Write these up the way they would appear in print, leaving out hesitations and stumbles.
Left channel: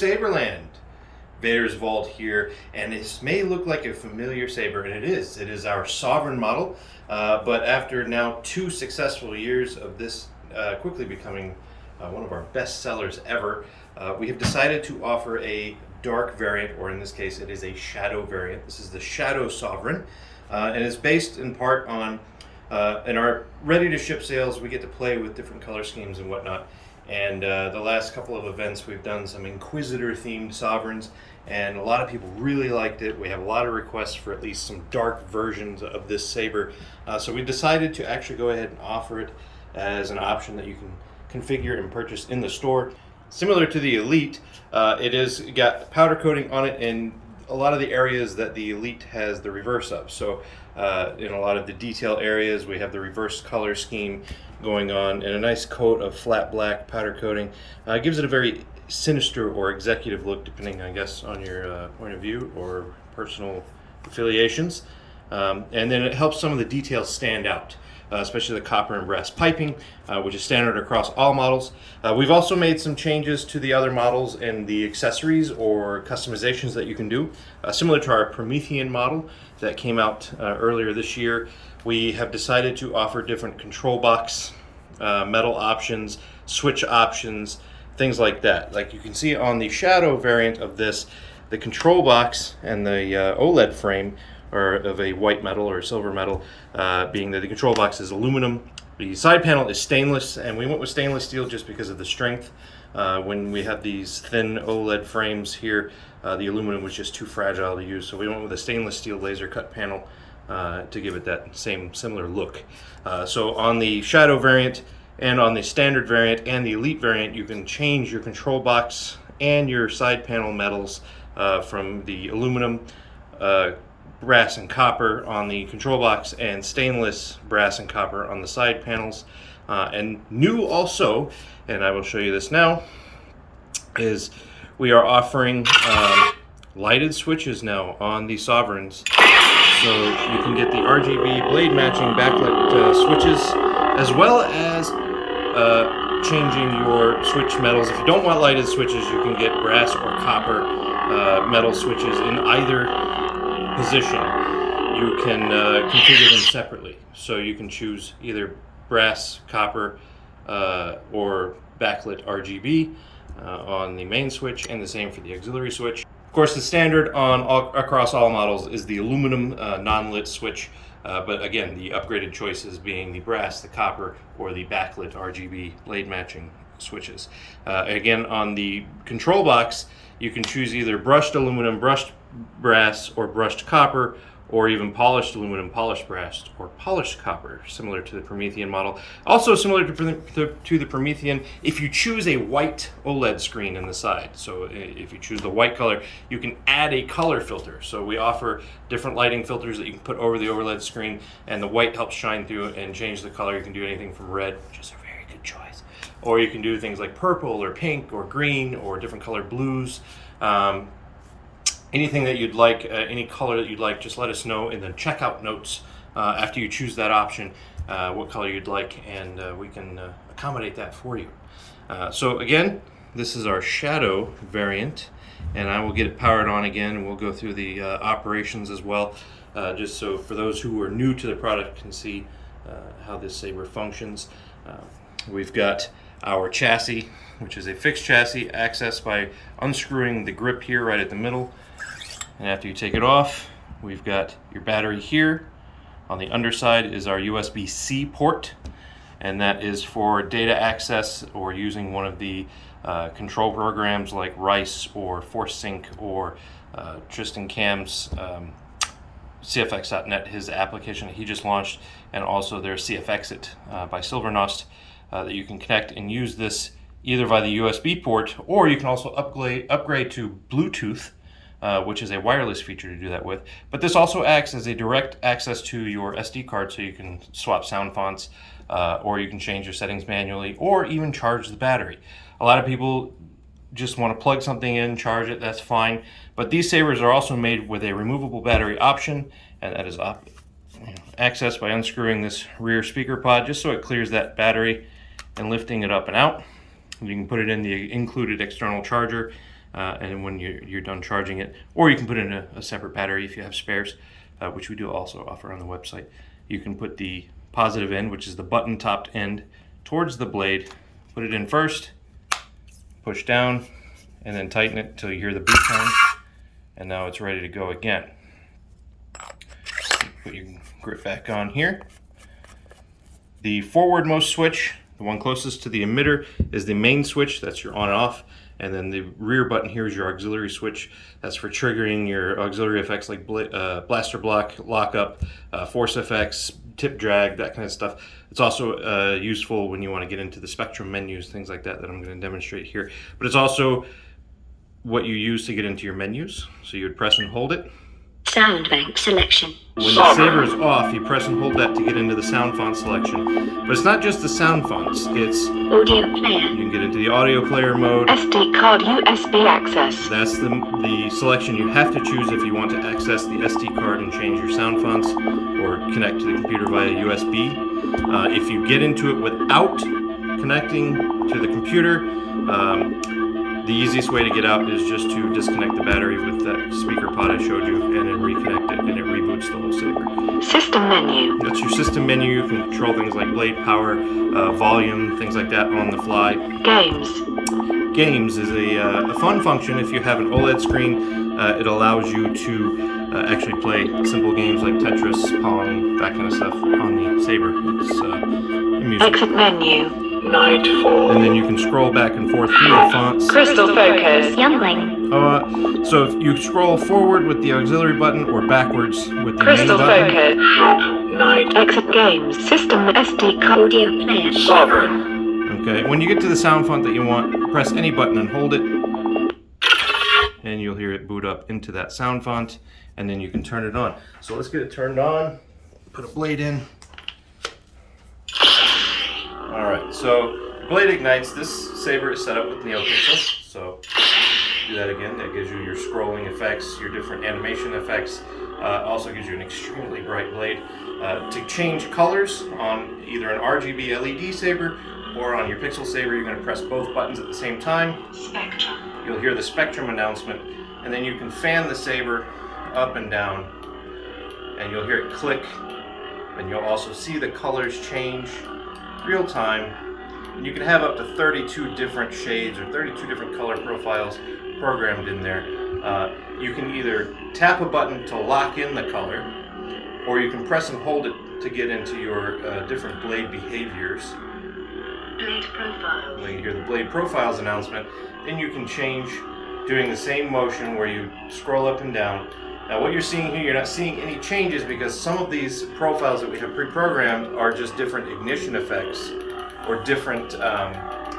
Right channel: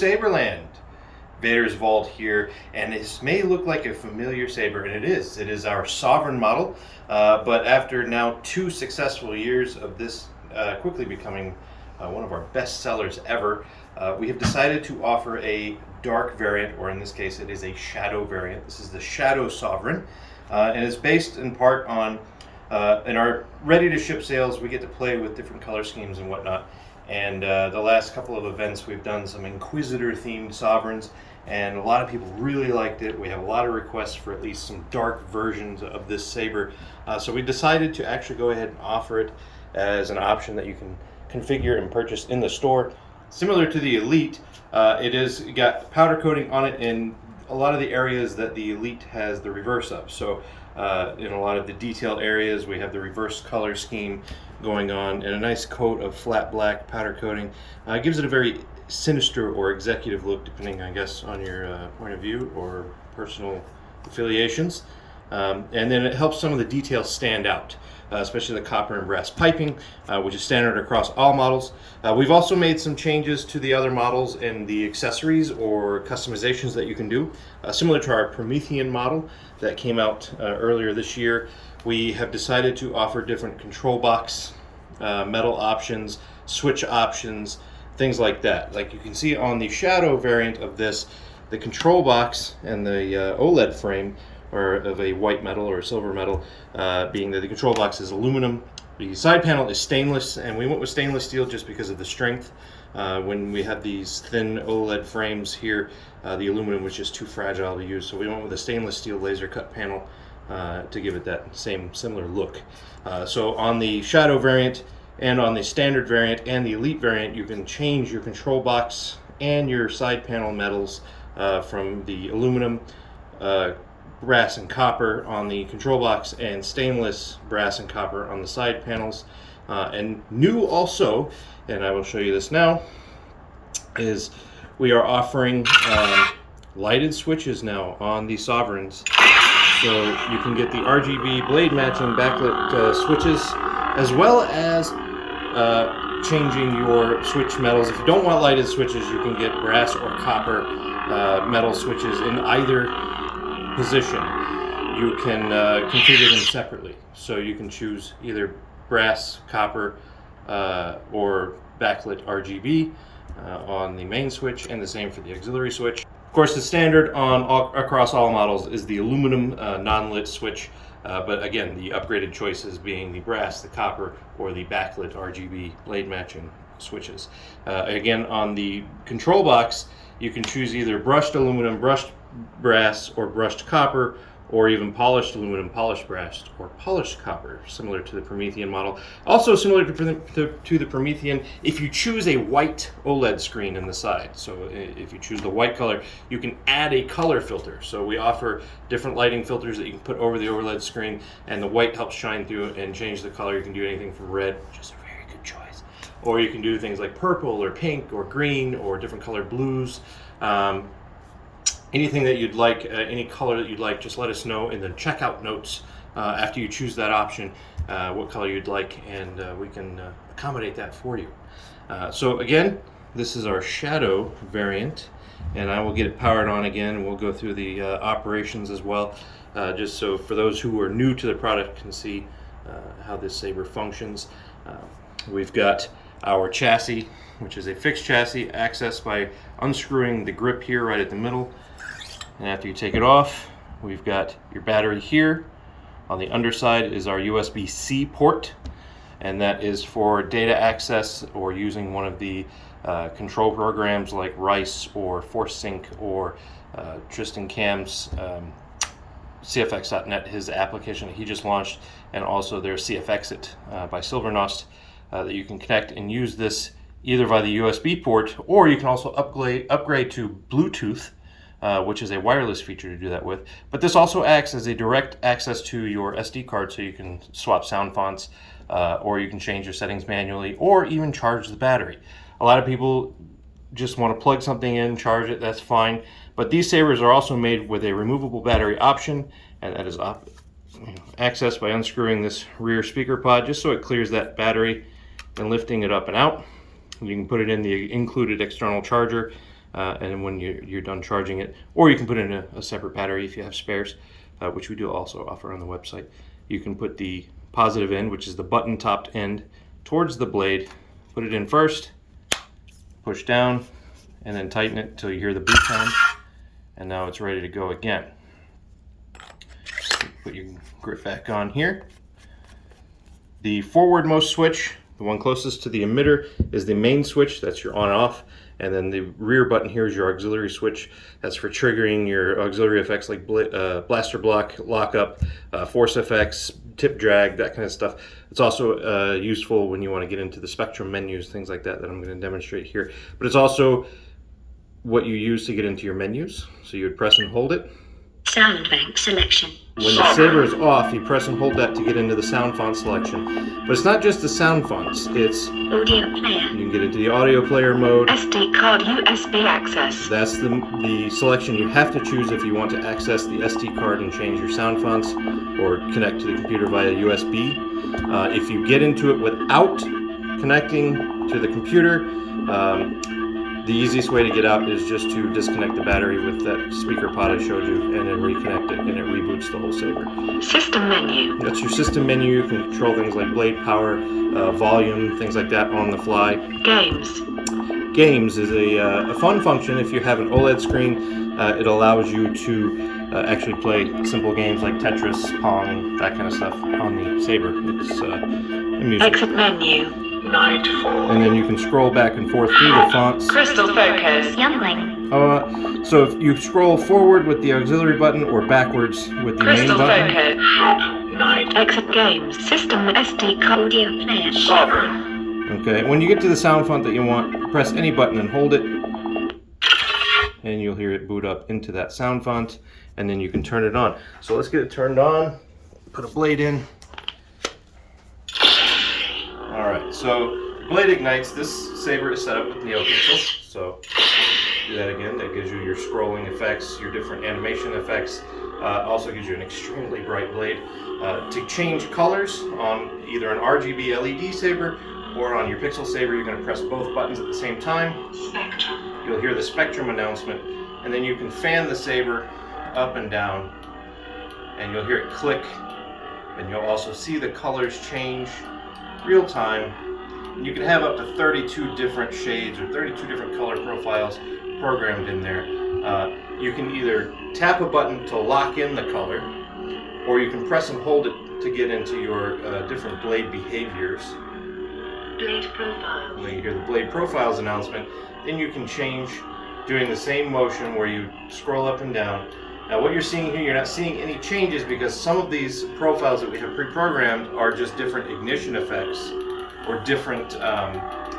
Saberland. Vader's Vault here, and this may look like a familiar saber, and it is. It is our Sovereign model, but after now 2 successful years of this quickly becoming one of our best sellers ever, we have decided to offer a dark variant, or in this case it is a shadow variant. This is the Shadow Sovereign, and it's based in part on in our ready to ship sales we get to play with different color schemes and whatnot. And the last couple of events we've done some Inquisitor themed sovereigns, and a lot of people really liked it. We have a lot of requests for at least some dark versions of this saber, so we decided to actually go ahead and offer it as an option that you can configure and purchase in the store. Similar to the Elite, it is got powder coating on it in a lot of the areas that the Elite has the reverse of. So in a lot of the detail areas we have the reverse color scheme going on, and a nice coat of flat black powder coating gives it a very sinister or executive look, depending I guess on your point of view or personal affiliations. And then it helps some of the details stand out, especially the copper and brass piping, which is standard across all models. We've also made some changes to the other models in the accessories or customizations that you can do. Similar to our Promethean model that came out earlier this year, we have decided to offer different control box, metal options, switch options, things like that. Like you can see on the Shadow variant of this, the control box and the OLED frame are of a white metal or silver metal, being that the control box is aluminum. The side panel is stainless, and we went with stainless steel just because of the strength. When we have these thin OLED frames here, the aluminum was just too fragile to use, so we went with a stainless steel laser cut panel to give it that similar look. So on the Shadow variant and on the standard variant and the Elite variant, you can change your control box and your side panel metals from the aluminum, brass and copper on the control box, and stainless, brass and copper on the side panels. And new also, and I will show you this now, is we are offering lighted switches now on the Sovereigns. So you can get the RGB blade matching backlit switches, as well as changing your switch metals. If you don't want lighted switches, you can get brass or copper metal switches in either position. You can configure them separately, so you can choose either brass, copper, or backlit RGB on the main switch, and the same for the auxiliary switch. Of course, the standard across all models is the aluminum non-lit switch, but again, the upgraded choices being the brass, the copper, or the backlit RGB blade matching switches. Again, on the control box, you can choose either brushed aluminum, brushed brass, or brushed copper, or even polished aluminum, polished brass, or polished copper, similar to the Promethean model. Also similar to the Promethean, if you choose a white OLED screen in the side. So if you choose the white color, you can add a color filter. So we offer different lighting filters that you can put over the OLED screen, and the white helps shine through and change the color. You can do anything from red, which is a very good choice, or you can do things like purple or pink or green or different color blues. Anything that you'd like, any color that you'd like, just let us know in the checkout notes after you choose that option, what color you'd like, and we can accommodate that for you. So again, this is our Shadow variant, and I will get it powered on again, and we'll go through the operations as well, just so for those who are new to the product can see how this saber functions. We've got our chassis, which is a fixed chassis accessed by unscrewing the grip here right at the middle. And after you take it off, we've got your battery here. On the underside is our USB-C port, and that is for data access or using one of the control programs like Rice or ForceSync or Tristan Cam's CFX.net, his application that he just launched, and also their CFXit by Silvernost that you can connect and use this either via the USB port, or you can also upgrade to Bluetooth, which is a wireless feature to do that with. But this also acts as a direct access to your SD card, so you can swap sound fonts, or you can change your settings manually, or even charge the battery. A lot of people just want to plug something in, charge it, that's fine. But these sabers are also made with a removable battery option, and that is accessed by unscrewing this rear speaker pod, just so it clears that battery and lifting it up and out. You can put it in the included external charger, and when you're done charging it, or you can put in a separate battery if you have spares, which we do also offer on the website. You can put the positive end, which is the button topped end, towards the blade, put it in first, push down, and then tighten it until you hear the beep sound, and now it's ready to go again. Put your grip back on here. The forwardmost switch, the one closest to the emitter, is the main switch. That's your on and off. And then the rear button here is your auxiliary switch. That's for triggering your auxiliary effects like blaster block, lockup, force effects, tip drag, that kind of stuff. It's also useful when you want to get into the spectrum menus, things like that I'm going to demonstrate here. But it's also what you use to get into your menus. So you would press and hold it. Sound bank selection. When the saber is off, you press and hold that to get into the sound font selection. But it's not just the sound fonts, it's Audio player. You can get into the audio player mode. SD card USB access. That's the selection you have to choose if you want to access the SD card and change your sound fonts or connect to the computer via USB. If you get into it without connecting to the computer, the easiest way to get out is just to disconnect the battery with that speaker pod I showed you and then reconnect it, and it reboots the whole saber. System menu. That's your system menu. You can control things like blade power, volume, things like that on the fly. Games. Games is a fun function. If you have an OLED screen, it allows you to actually play simple games like Tetris, Pong, that kind of stuff on the saber. It's amusing. Exit menu. And then you can scroll back and forth through the fonts. Crystal focus. Youngling. So if you scroll forward with the auxiliary button or backwards with the main button. Focus. Exit games. System SD card audio player. Sovereign. Okay, when you get to the sound font that you want, press any button and hold it. And you'll hear it boot up into that sound font, and then you can turn it on. So let's get it turned on. Put a blade in. Alright, so blade ignites. This saber is set up with NeoPixel, so do that again. That gives you your scrolling effects, your different animation effects. Also gives you an extremely bright blade. To change colors on either an RGB LED saber or on your Pixel saber, you're going to press both buttons at the same time. Spectrum. You'll hear the spectrum announcement, and then you can fan the saber up and down, and you'll hear it click, and you'll also see the colors change real time. And you can have up to 32 different shades or 32 different color profiles programmed in there. You can either tap a button to lock in the color, or you can press and hold it to get into your different blade behaviors. Blade profiles. When you hear the blade profiles announcement, then you can change doing the same motion where you scroll up and down. Now what you're seeing here, you're not seeing any changes because some of these profiles that we have pre-programmed are just different ignition effects or different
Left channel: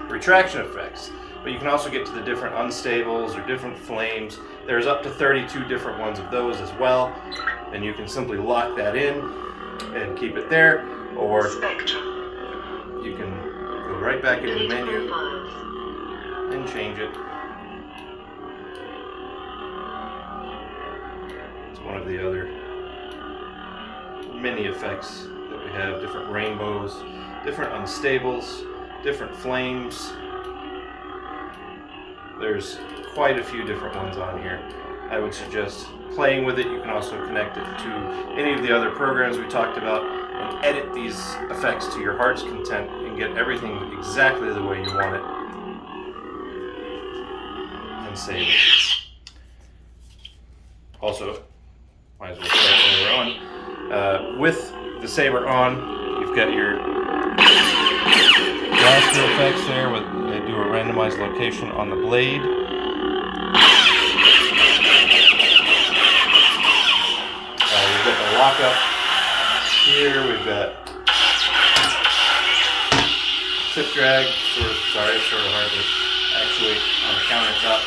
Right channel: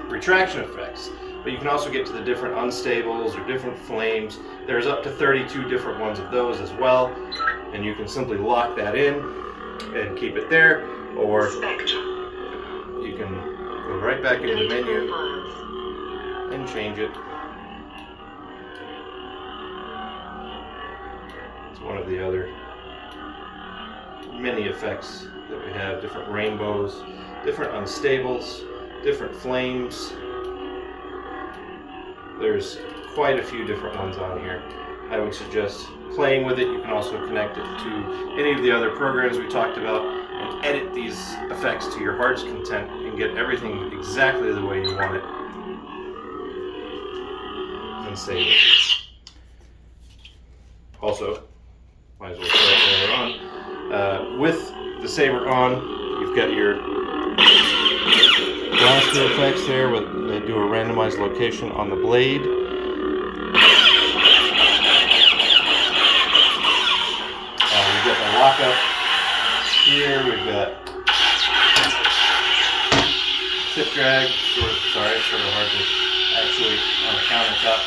retraction effects. But you can also get to the different unstables or different flames. There's up to 32 different ones of those as well. And you can simply lock that in and keep it there, or you can go right back in the menu and change it. It's one of the other many effects that we have. Different rainbows, different unstables, different flames. There's quite a few different ones on here. I would suggest playing with it. You can also connect it to any of the other programs we talked about and edit these effects to your heart's content and get everything exactly the way you want it. And save it. Also, might as well start while we're on. With the saber on, you've got your blaster effects there. They do a randomized location on the blade. We've got the lockup here. We've got tip drag. Sort of hard to actuate on the countertop.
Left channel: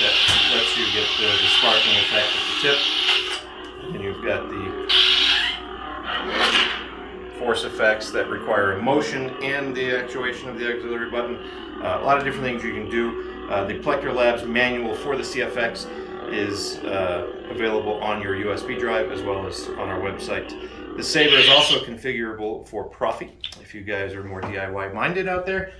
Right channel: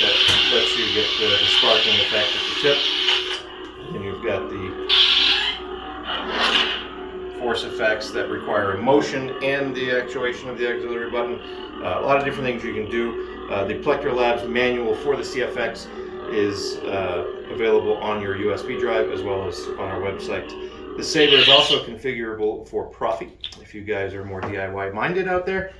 That lets you get the sparking effect at the tip. And you've got the force effects that require a motion and the actuation of the auxiliary button. A lot of different things you can do. The Plector Labs manual for the CFX is available on your USB drive as well as on our website. The saber is also configurable for Proffie if you guys are more DIY minded out there.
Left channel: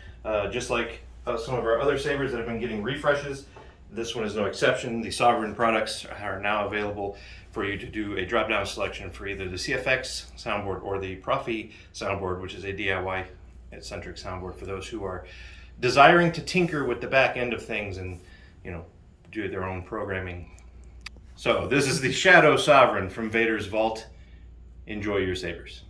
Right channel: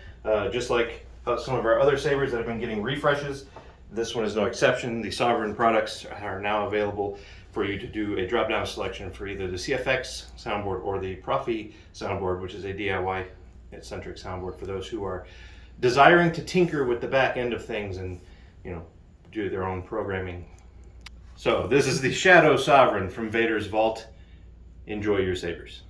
Just like some of our other sabers that have been getting refreshes. This one is no exception. The Sovereign products are now available for you to do a drop-down selection for either the CFX soundboard or the Proffie soundboard, which is a DIY-centric soundboard for those who are desiring to tinker with the back end of things and, you know, do their own programming. So this is the Shadow Sovereign from Vader's Vault. Enjoy your sabers.